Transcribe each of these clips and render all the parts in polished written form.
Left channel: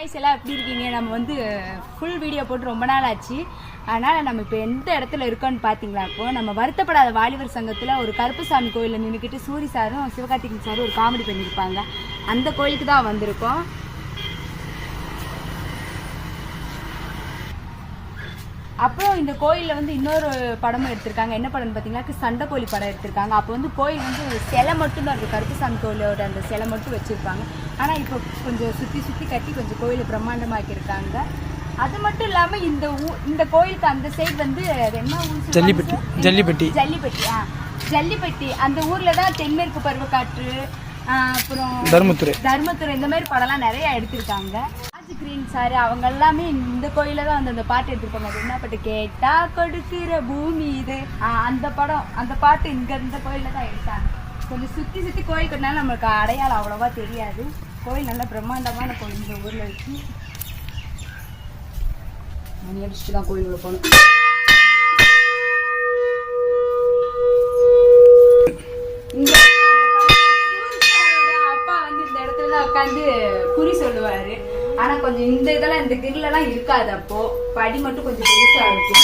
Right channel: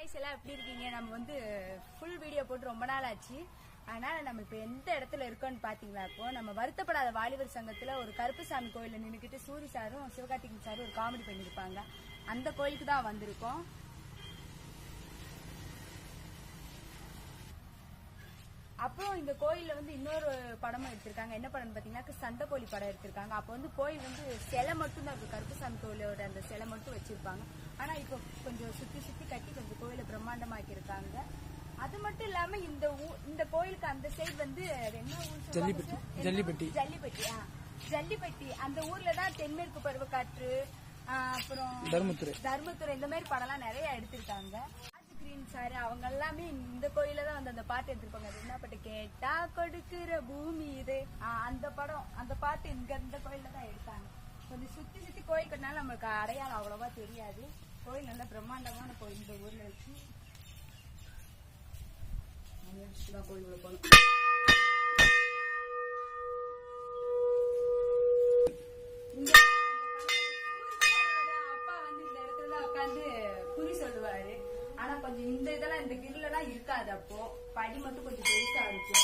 Guys எல்லாம் எப்படி இருக்கீங்க? நம்ம வந்து ஃபுல் வீடியோ போட்டு ரொம்ப நாள் ஆச்சு. அதனால நம்ம இப்போ எந்த இடத்துல இருக்கோம்னு பாத்தீங்களா? இப்போ நம்ம வருத்தப்படாத வாலிபர் சங்கத்துல ஒரு கருப்புசாமி கோயில்ல நின்னுக்கிட்டு சூரி சாரும் சிவகார்த்திகேயன் சாரும் ஒரு காமெடி பண்ணிருப்பாங்க. அந்த கோயிலுக்கு தான் வந்திருக்கோம். அப்புறம் இந்த கோயிலில் வந்து இன்னொரு படமும் எடுத்திருக்காங்க. என்ன படம்னு பார்த்தீங்கன்னா சண்டை கோழி படம் எடுத்திருக்காங்க. அப்போ வந்து கோயில் வந்து சிலை மட்டும்தான் இருக்குது, கருப்புசாமி கோயிலோட அந்த சிலை மட்டும் வச்சுருப்பாங்க. ஆனால் இப்போ கொஞ்சம் சுற்றி சுற்றி கட்டி கொஞ்சம் கோயிலை பிரம்மாண்டமாக்கியிருக்காங்க. அது மட்டும் இல்லாமல் இந்த கோயிலுக்கு அந்த சைடு வந்து என்ன ஊர்? ஜல்லிப்பட்டி. ஜல்லிப்பட்டி ஜல்லிப்பட்டி அந்த ஊரில் தான் தென்மேற்கு பருவக்காற்று, அப்புறம் தர்மத்துறை இந்த மாதிரி படம்லாம் நிறைய எடுத்திருக்காங்க. கிரீன் சார் அவங்க எல்லாமே இந்த கோயில தான் வந்து அந்த பாட்டு எடுத்துருப்பாங்க. அது என்ன பாட்டு? கேட்டா கொடுக்கிற பூமி இது. அந்த பாட்டு இந்த கோயில தான் எடுத்தாங்க. கொஞ்சம் சுத்தி சுத்தி கோயில் கட்டினாலும் நம்மளுக்கு அடையாளம் அவ்வளவா தெரியாது. கோயில் நல்ல பிரம்மாண்டமான கோயில் இந்த ஊர்ல இருக்கு. மணி அடிச்சுட்டு தான் கோயிலுக்குள்ள போகணும். அப்பா வந்து இந்த இடத்துல தான் உட்காந்து குறி சொல்லுவாரு. ஆனா கொஞ்சம் இந்த இதெல்லாம் இந்த கிரிலெல்லாம் இருக்காது. அப்போ படி மட்டும் கொஞ்சம் பெருசா இருக்கும்.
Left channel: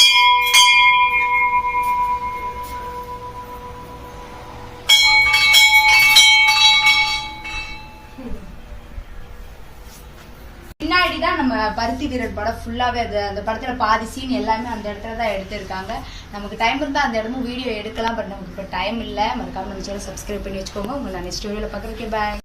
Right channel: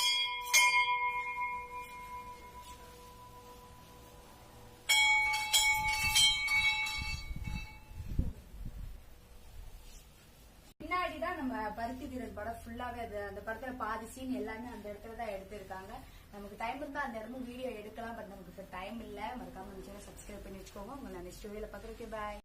பின்னாடிதான் நம்ம பருத்தி வீரர் படம் ஃபுல்லாவே அந்த படத்துல பாதி சீன் எல்லாமே அந்த இடத்துல தான் எடுத்திருக்காங்க. நமக்கு டைம் இருந்தா அந்த இடமும் வீடியோ எடுக்கலாம். பட் நமக்கு இப்போ டைம் இல்லை. மறக்காம நம்ம சேனல் சப்ஸ்கிரைப் பண்ணி வச்சுக்கோங்க. உங்களை நான் நெக்ஸ்ட் வீடியோல பார்க்குறேன். பாய்.